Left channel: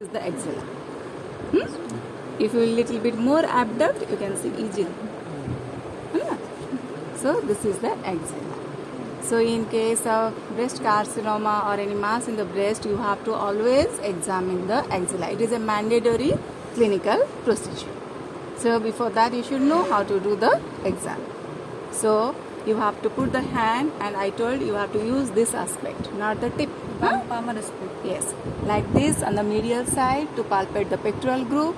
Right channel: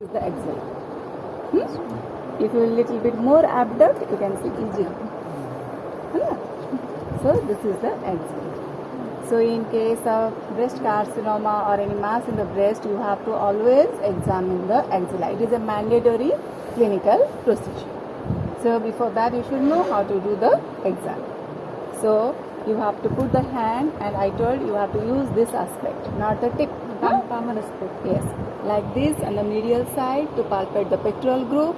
is the axilla. If you little bit more abduct, you can see easily. So this is the axilla. So in case of breast carcinoma or any mass in the breast, you have to always examine the axilla. It is a mandatory clinical procedure. So before that, you should know how to do the exam. So you have to put the hand, and I told you have to use this aspect, not the tip. Palmar aspect. Yes, like this on the medial side to palpate the pectoral group,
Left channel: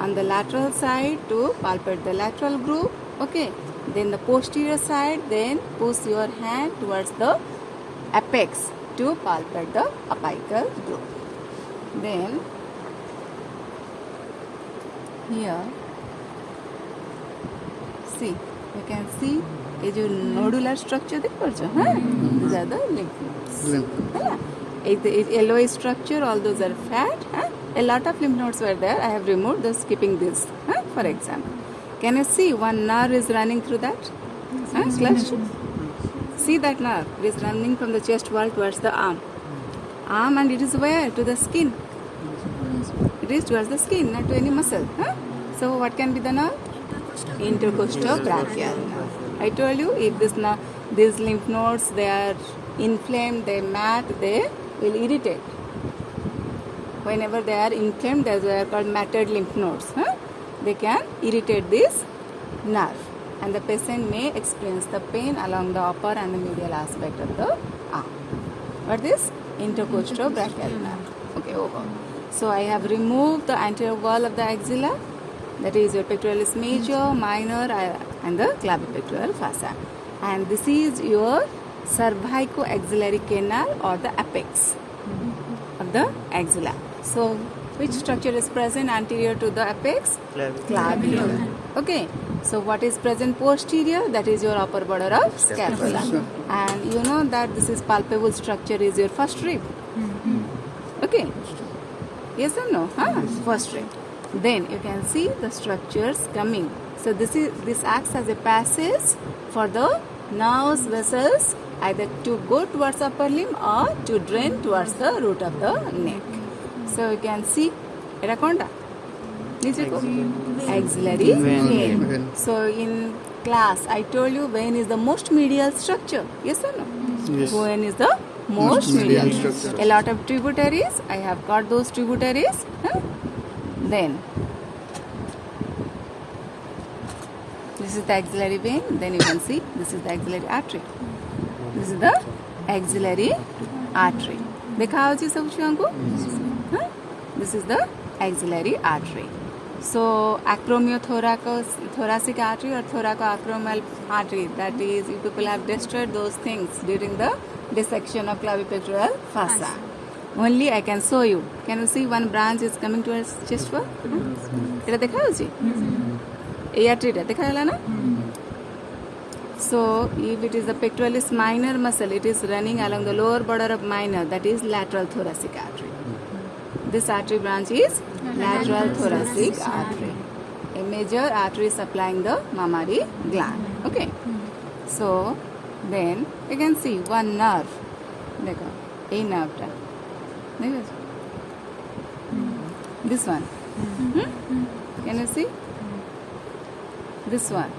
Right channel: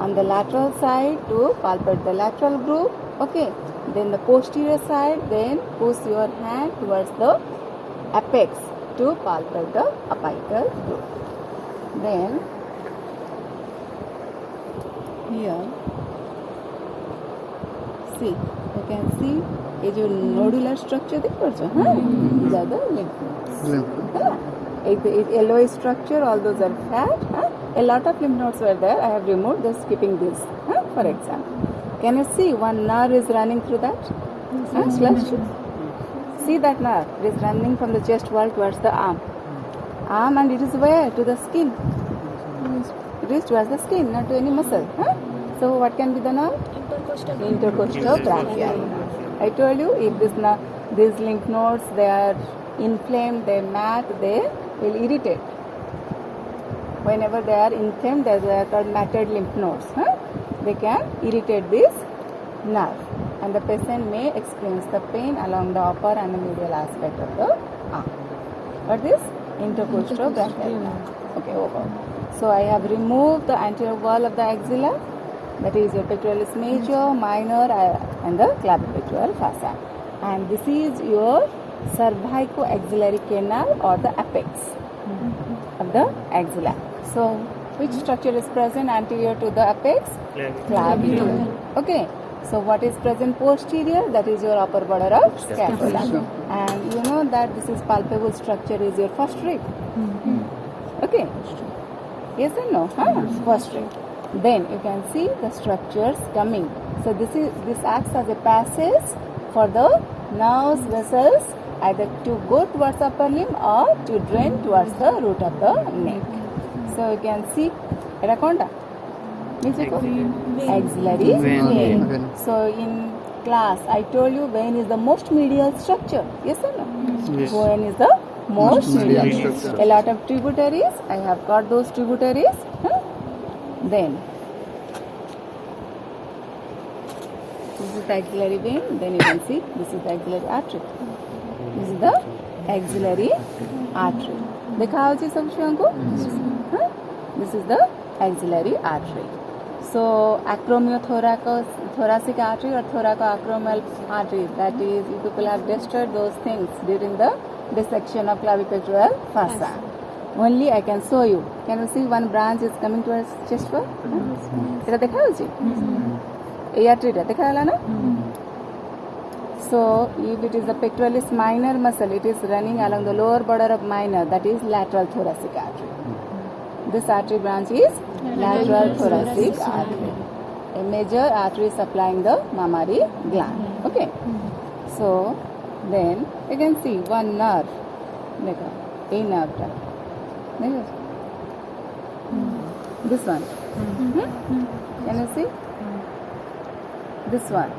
on the lateral side to palpate the lateral group. Okay, then the posterior side, then push your hand towards the apex to palpate the apical group. Then here, see, you can see ये जो nodular structure देख पड़ जाओ ज़्यादा lymph yellow structure, all those are fat. A lot of lymph nodes were there. I have removed those, skipping this. For example, can you see one nerve is running through that? See that nerve? It is running from the chest wall towards the arm. And it is where? To the skin. It is towards the skin, not to any muscle. So what can be the nerve? Intercostal brachial nerve. I told you, if these lymph nodes, they are inflamed, they mat, they will irritate. Whenever they are inflamed, they are called matted lymph nodes. They can irritate this nerve, and the patient may experience the pain along the upper and the medial aspect of the arm. What is intercostal brachial nerve? Okay, over. So I have removed the anterior wall of the axilla. That is your pectoralis major, minor, and the clavipectoral fossa. And this is your cervicoaxillary canal, or the apex of the axilla. So, which structure is present anterior to the apex? Clavicle. Okay. So, what is present posterior? That is your upper border of scapula. And you know that this is palpable structure is your first rib. Okay. Yes or no? First rib. Then you can see the structures coming. So this acts as a passage for the nerves, vessels, either to go towards upper limb or to drain towards the root of the neck. So you can see Eraconda. Axillary vein. So in class I told you vein is the most medial structure. Yes or no? Yes. Vein is the most medial structure. A lot of tributaries. I have got those tributaries. Then this is the axillary vein. Then you can see this is the axillary artery. This is the axillary artery. देखा हो जी सब छुआं को? This is the axillary artery. So acromiothoracic artery or thoracoacromial artery. That is, you people have destroyed those things during the dissection of clavipectoral fossa. Only I can show you. Can you see one branch is coming towards chest wall? এটা দেখা হচ্ছে এই আর্টারিটা দেখা গেল না? So if it is the pectoralis minor muscle, it is running along the lower border of minor, that is lateral thoracic artery. This artery branch is lateral thoracic artery, a major artery supplying the mammary gland. Okay. So then you can see one nerve. देखो a nerve. This one. Can you see? This one.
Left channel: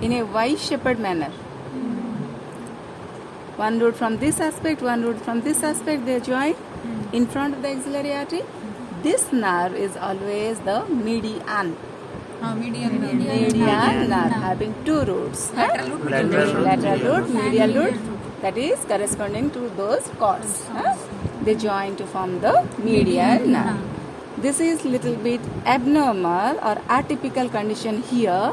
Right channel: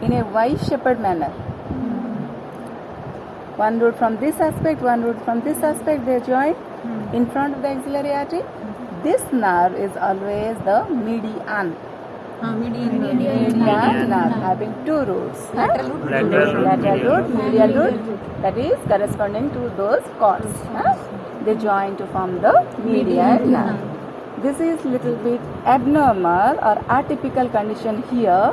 In a Y-shaped manner. One root from this aspect, one root from this aspect, they join in front of the axillary artery. This nerve is always the median. Median nerve having two roots. Lateral root, medial root, that is corresponding to those cords. They join to form the median nerve. This is little bit abnormal or atypical condition here.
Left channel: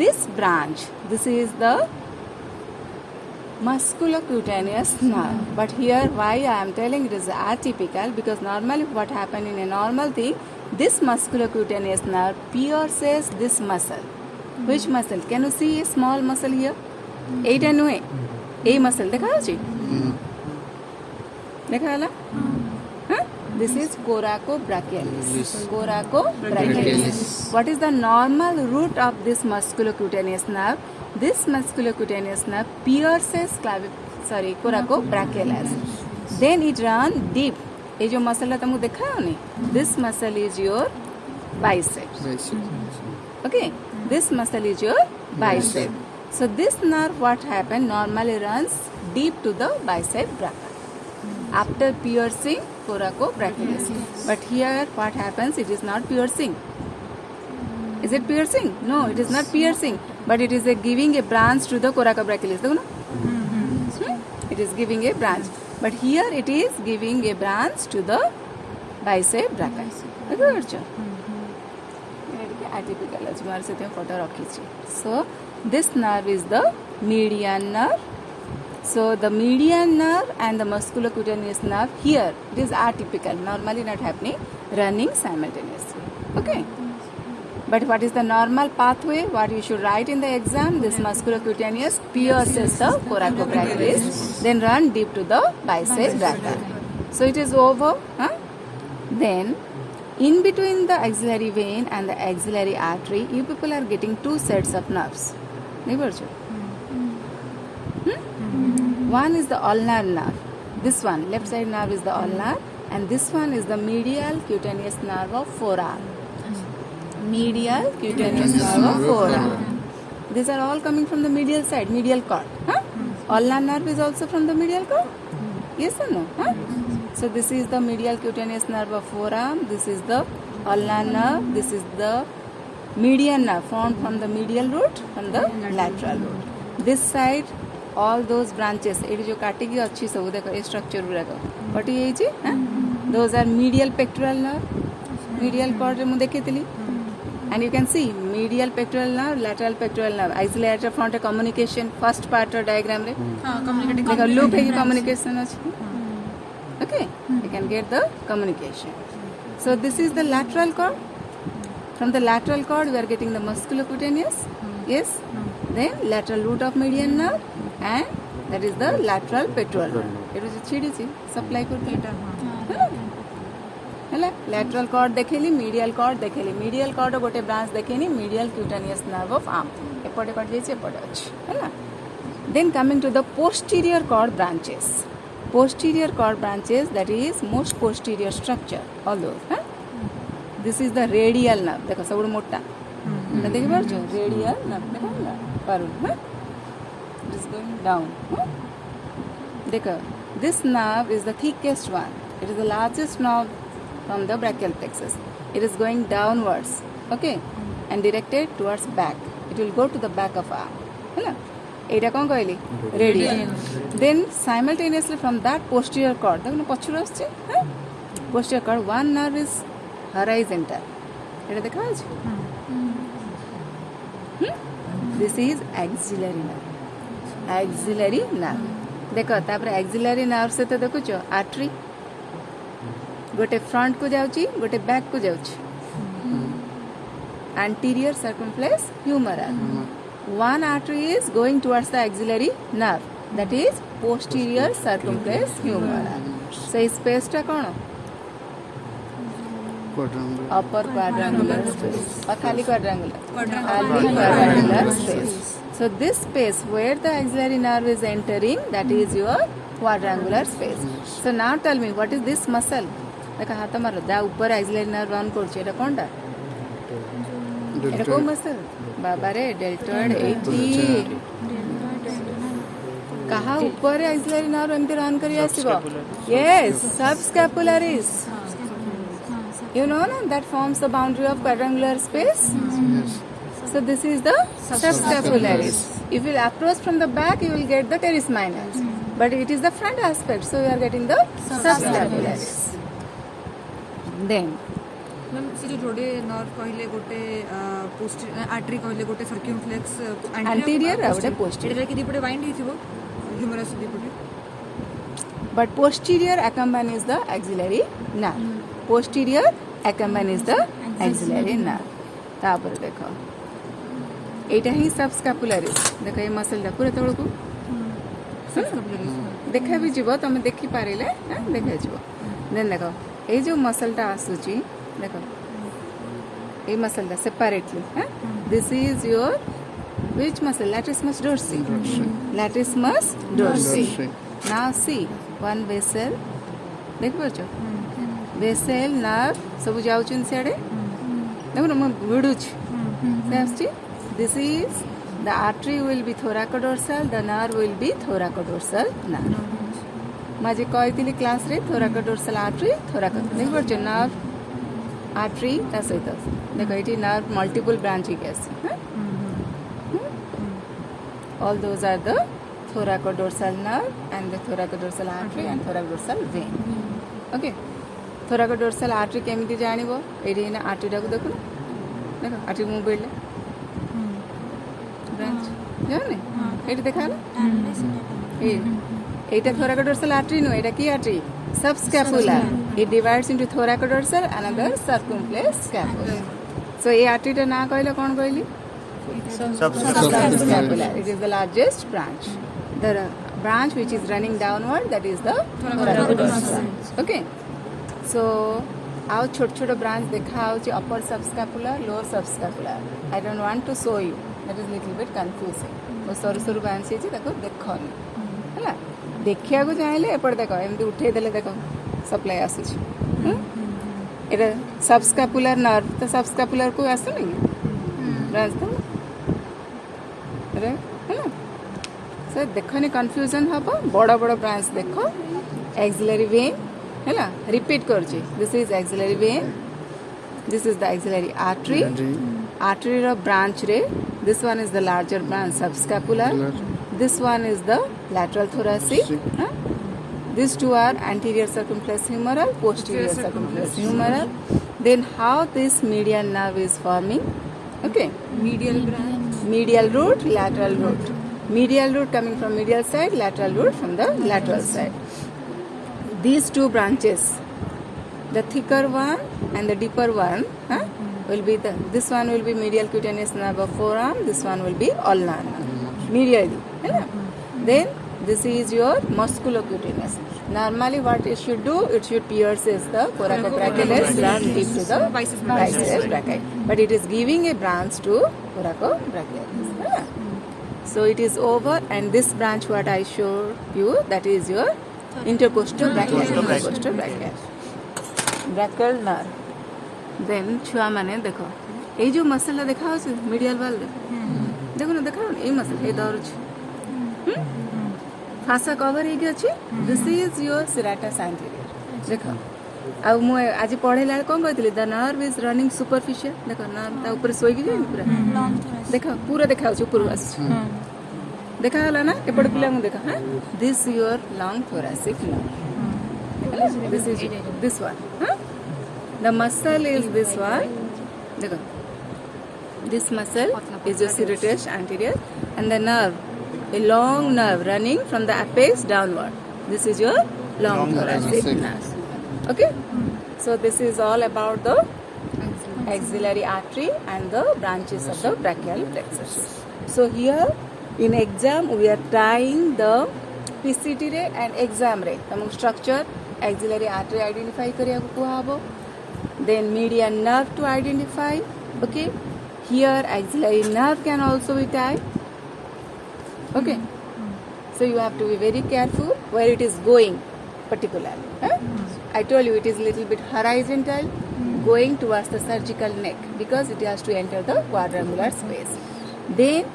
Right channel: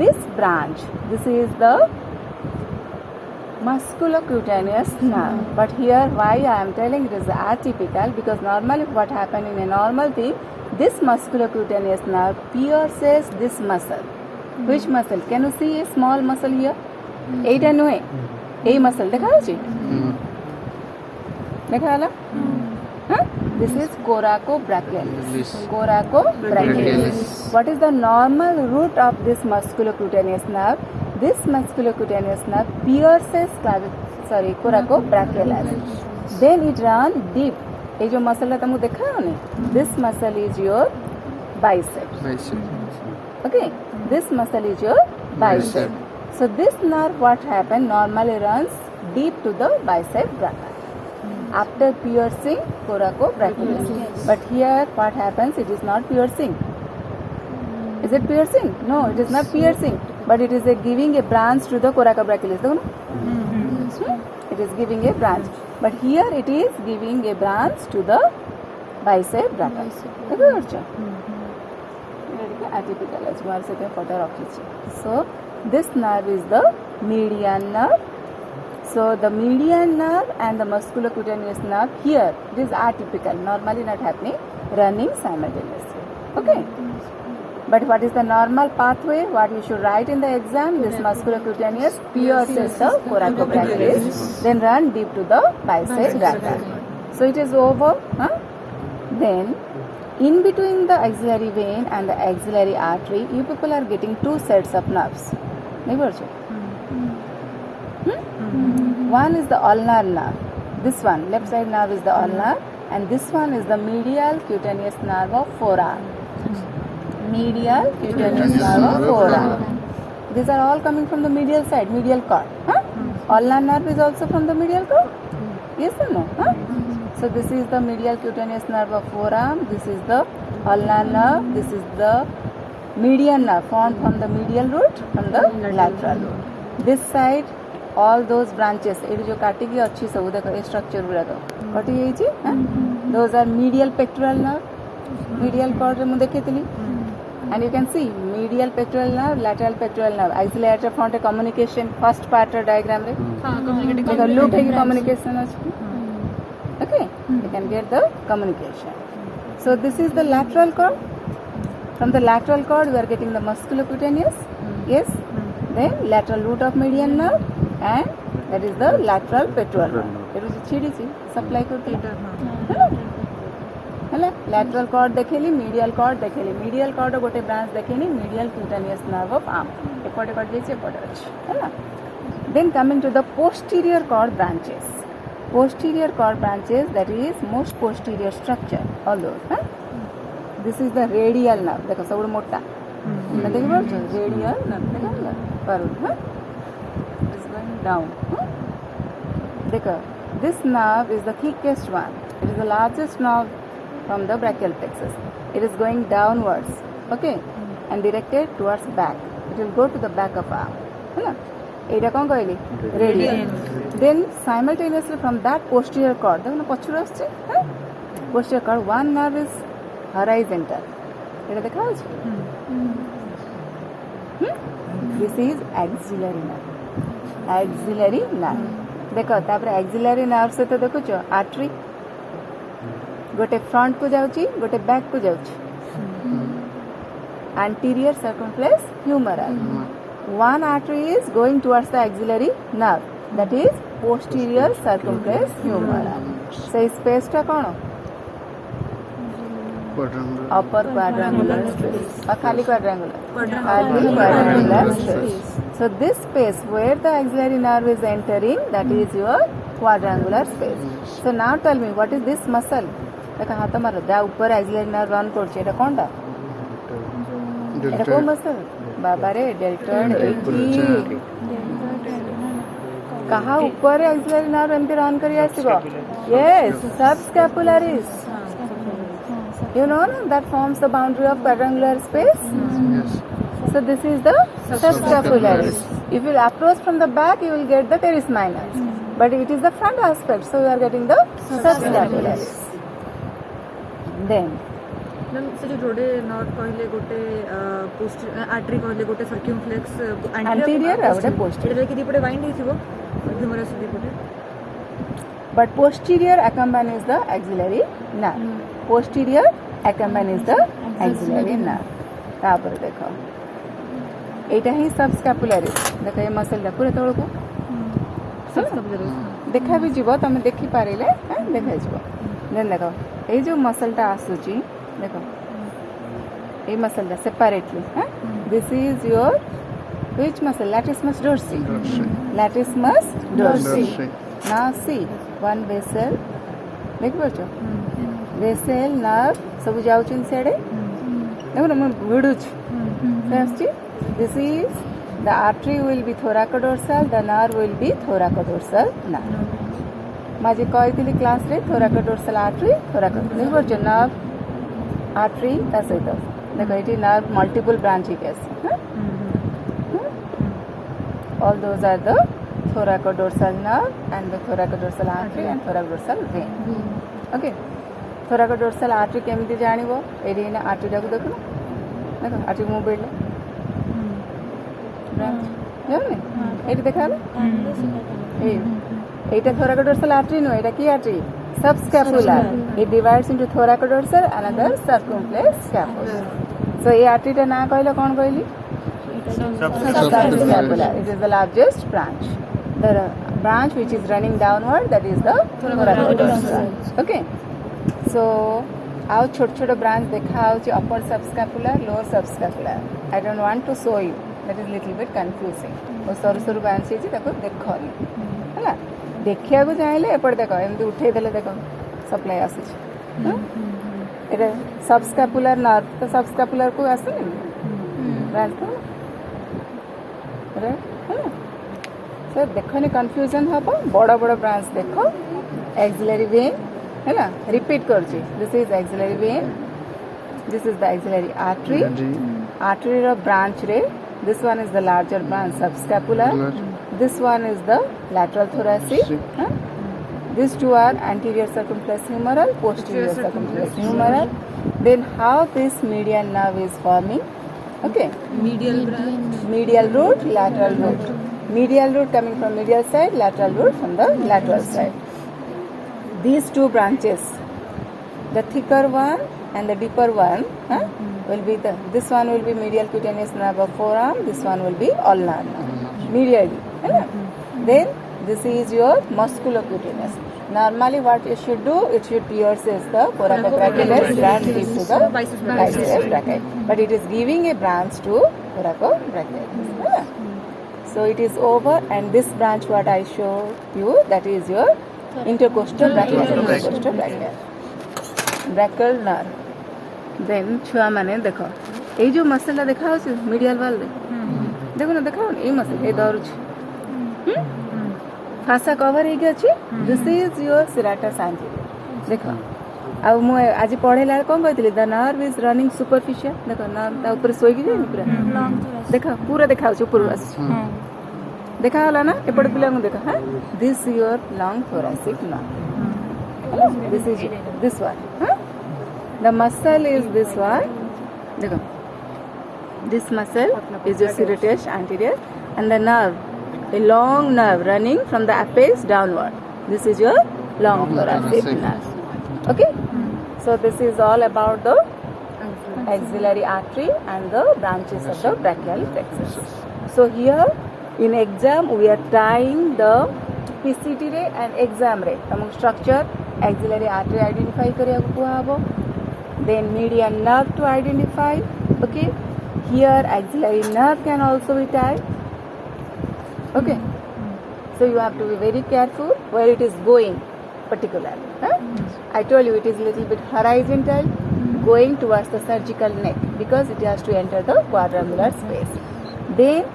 This branch, this is the musculocutaneous nerve. But here why I am telling it is atypical, because normally what happens in a normal thing, this musculocutaneous nerve pierces this muscle. Which muscle? Can you see a small muscle here? Eight and no A muscle. देखा हो जी? देखा वाला? This is coracobrachialis. Coracobrachialis. What is the normal root of this musculocutaneous nerve? This musculocutaneous nerve pierces coracobrachialis. Then it runs deep ये जो muscle तुमको देखा है this muscle is your bicep. Okay, this muscle is your bicep. So this nerve, what happened, normally runs deep to the bicep brachii after piercing coracobrachialis. But here what happens, it is not piercing. Is it piercing? No, it is not piercing, but it is giving a branch to the coracobrachialis. It is giving a branch, but here it is giving a branch to the bicep brachii. Atypical ଅଛି ମୋର ସେଥିପାଇଁ photo ରଖିଛି. So this nerve is the median nerve. So the median nerve and the musculocutaneous nerve, here it is atypical, normally not happening, running simultaneously. Okay, but what is the normal pathway, what you should write in the exam? This musculocutaneous pierces the coracobrachialis, then run deep to the bicep brachii. So it is over. Then in between the axillary vein and the axillary artery, you people are getting two sets of nerves. One is the ulnar nerve. This one, left side nerve is the ulnar, and this one is the medial cutaneous nerve of forearm. Medial cutaneous nerve of forearm. These are all coming from the medial side, medial cord. Ulnar nerve is also from the medial cord. Yes or no? So this is the medial cutaneous nerve of forearm. This is the ulnar nerve. This is the median nerve formed from the medial root, from the lateral root. This side, all those branches. ये जो काटी की अच्छी सब देखो ये structure पूरा तो. But ये जी, those are medial pectoral nerve. Medial cord रे मुझे देखे थी. And you can see medial pectoral nerve, lateral pectoral nerve. Axillary front communication first part diagram रे. communicating. देखो loop है कि communication अच्छी. Okay, you can get the communication. So this is the lateral cord. From the lateral cord we are getting the musculocutaneous. Yes. Then lateral root of median nerve, and that is the lateral pectoral nerve. It is chidi supply करती है ना. lateral cord देखेली, medial cord देखेली. medial cord गोटे branch देखेनी, medial cutaneous nerve of arm. एपटे cut जाइए एपटे अच्छी है ना. Then coming to the posterior cord branches. Posterior cord branches, that is most posterior structure, all those. This is the radial nerve. देखो सब मोटा. देखिए बच्चों radial nerve देखो ना Paru. It is going down. देखो this nerve is the thickest one. It is the largest nerve from the brachial plexus. It is going downwards. Okay, and directed towards back. It will go to the back of arm. है ना. एटा कौन कहली radial. Then simultaneously from that posterior cord देखो ना पछुर आछे. Posterior cord one nerve is horizontal. एटा देखा अछि. This is axillary nerve. Axillary nerve देखो तापर एक्सिलरी नर्व से तो देखो छो आर्टरी गोटे फ्रंट को जाउची गोटे बैक को जाउची. Anterior circumflex humeral. One artery is going towards the axillary nerve, that is posterior circumflex humeral. So इस space टा कौन? Upper quadrangular space. और खाली quadrangular. खाली quadrangular space. So this space where the axillary nerve is entering, that is your quadrangular space. So now tell me, what is this muscle? देखा हाथ मारो जा ऊपर axillary nerve run करछे एटा कौन टा? एटा कौन muscle? बाबा रे डेल्टॉइड 80 कहाँ ऊपर है एक्सिलरी नर्व एमती रन करी आसीबो. Yes subscapularis. You know na that forms the boundary of quadrangular space. So this is the subscapularis. If you approach from the back, you will get the teres minor, but it is the front aspect, so you are getting the subscapularis. Then ma'am से जो जोड़े nerve कहले गोटे posterior artery कहले गोटे circumflex anterior और गोटे posterior एटा कि दीपटे बाइंड हिथिबो ह्यूमरस दीपटे. But posterior accompanies the axillary nerve. Posterior accompanies the axillary nerve. तापर देखो एटा ही सबस्कैपुलरिस. देखो ये मसल दा पूरा तळ को देखा भी जीवो तमे देखि पारिले देखा जीवो. देन देखो ए जो मसल टा आसुची देखो ये मसल दा separately. This is your which muscle? Latissimus dorsi. Latissimus dorsi. Now see one vessel. देख बच्चों vessel nerve सब जाउछन सेडे देखो ना मन विडुछ से आछी this is the artery will be thoracodorsal the nerve will be thoracodorsal nerve माजे कहइतिली क्लास रे thoracodorsal artery देख परछ nerve artery ता सहित देखो इटी nerve multiple branch है all those are the thoracodorsal nerve and the thoracodorsal artery and thoracodorsal vein okay thoracodorsal artery केमिति जानिबो AD ना artery टाको देखो artery मु बेले branch जाने एडी देखालो एटा thoracodorsal artery नो एटा की artery subscapular it divides into thoracodorsal another circumflex scapula so A artery टा ना कहले कोन कहली subscapular it is the largest branch the branch which is running downward that is the thoracodorsal okay so our छोट branch देखा होची upper subscapular lower subscapular I don't want to show you that is little bit confusing वो सरू branch है जी ताको देखोनी हला देखिया को चाहेले एपड़ देखो एमती उठे देले देखो सप्लाई आसुची एटा subscapular nerve तो subscapular को आसुनी branch तो रे है ना सर देखनी कंफ्यूजन हबो बड़ा ब्रांच देखो एक्सिलरी वेन है ना रिपीट करछि this is axillary vein this is the axillary artery रो ब्रांच रे this one is the larger branch subscapular this one is the lateral thoracic these two are anterior circumflex humeral posterior circumflex humeral then how this median nerve is forming okay medial root lateral root medial root coming from medial side lateral root from the lateral side these two branches the thicker one and the deeper one will be this one will be medial cutaneous nerve of forearm this one will be ulnar nerve medially then this is your musculocutaneous normally what it should do it should pierces the coracobrachialis branch deep to the biceps brachii but it is giving a branch to coracobrachialis so it is over and this branch what I showed you that is your intercostal brachial nerve then छुआ माने देखो ए जो muscle देखा होछ medial वाल देखो ना देखा ए मसल ए दरुछ फासा कवर हे अछि this is your serratus anterior देखो आ मु आज पढेला कोन कहतिली the nerve is running superficial देखो नर्व ता ऊपर सोई गई पूरा देखो पूरा देखा होछ ऊपर आस देखा हला ना एपड़ पिला को देखा हां this your long thoracic nerve this is this one the muscle is this one देखो this muscle is your serratus anterior and the nerve a long nerve running from the apex downward this is your long thoracic nerve okay so this is all about the axillary artery and the branches of the brachial plexus so here in exam we are trying the PCT रे and exam रे तमक structure axillary artery identify करिया को कुहाबो then median nerve to identify okay here axillary nerve can also be typed okay so you have to be very careful where it is going particularly I told you it is little bit horizontal going towards the surgical neck because it has to enter the quadrangular space then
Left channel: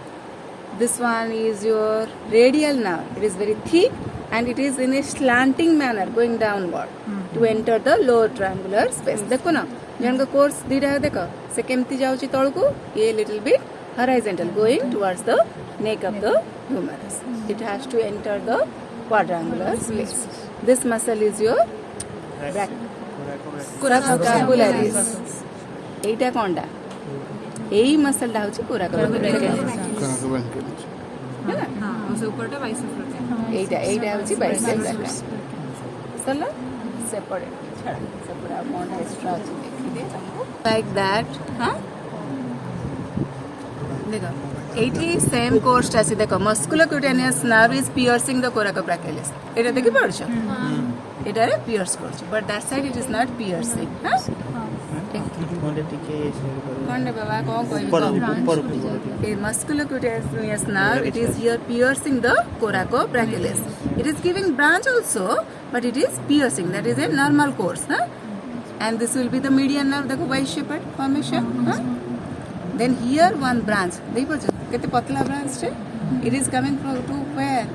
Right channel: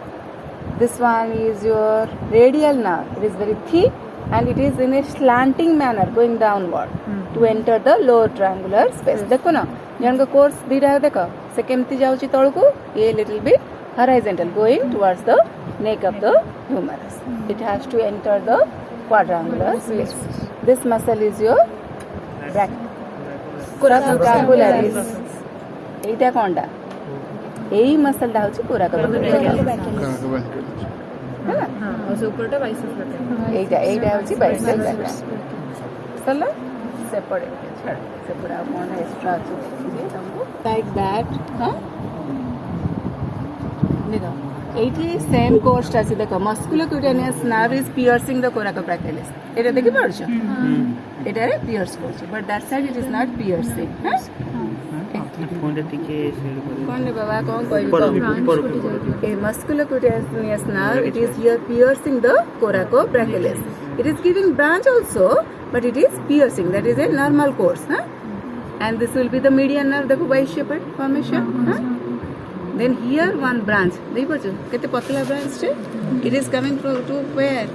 this one is your radial nerve it is very thick and it is in a slanting manner going downward to enter the lower triangular space देखो ना जन का course दीटा है देखो से केमती जाउची तळ को ये little bit horizontal going towards the neck of the humerus it has to enter the quadrangular space this muscle is your subscapularis Etah Konda AE muscle टा होची coracobrachialis है ना और ऊपरटा बाइसेप्स एटा होची बाइसेप्स सला सेपड़े छाड़ सेपड़ा मोन एक्स्ट्रा अछि देखि तुमको लाइक दैट हां देखो एटी सेम कोर्स आसी देखो musculocutaneous nerve is piercing the coracobrachialis एटा देखि पड़छ एटा रे पियर्स करछ but that side it is not piercing हां कोंडे टिके शेड करे कोंडे बाबा कोन कोइ ए musculocutaneous nerve it is here piercing the coracobrachialis it is giving branch also but it is piercing that is a normal course and this will be the median nerve. देखो y shaped formation. Then here one branch. देखो जो कितने पतला branch है. It is coming from to where?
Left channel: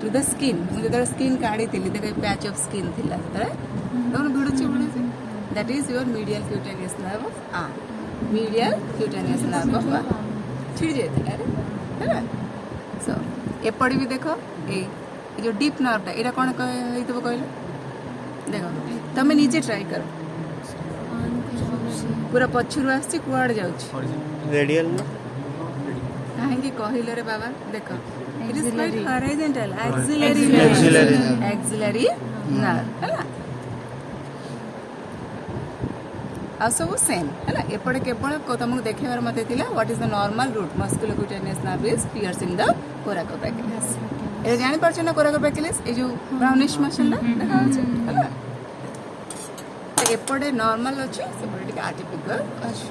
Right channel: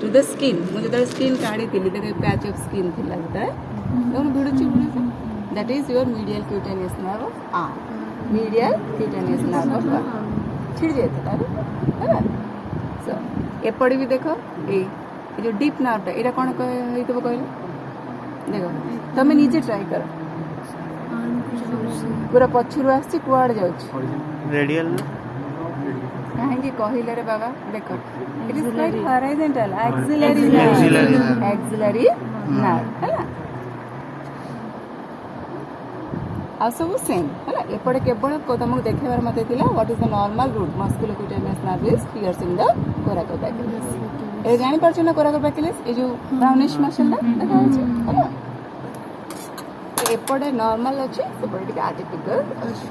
To the skin. मुझे तो skin काढ़ी थी देखो patch of skin थी लगता है. दोनों भिड़ुची that is your medial cutaneous nerve of arm. Medial cutaneous nerve of arm. छिड़ जाती है ना. So एपड़ी भी देखो ए जो डीप नर्व एटा कौन कहते कहल देखो तुम निजे ट्राई कर पूरा पछरू आसी कुआड़ जाउछ रेडियल में कहीं कहले रे बाबा देखो it is like horizontal axillary axillary nerve है ना आ सब सेम है ना एपटे केवल तुमको देखेबार मते थिला what is the normal route musculocutaneous nerve is piercing the coracobrachialis ए जानि परछ ना कोराकोपैक्युलस ए जो ब्राउनिश मसल ना देखा है ना एपटे नॉर्मल अछि सेपटे के आर्टिफिशियल अछि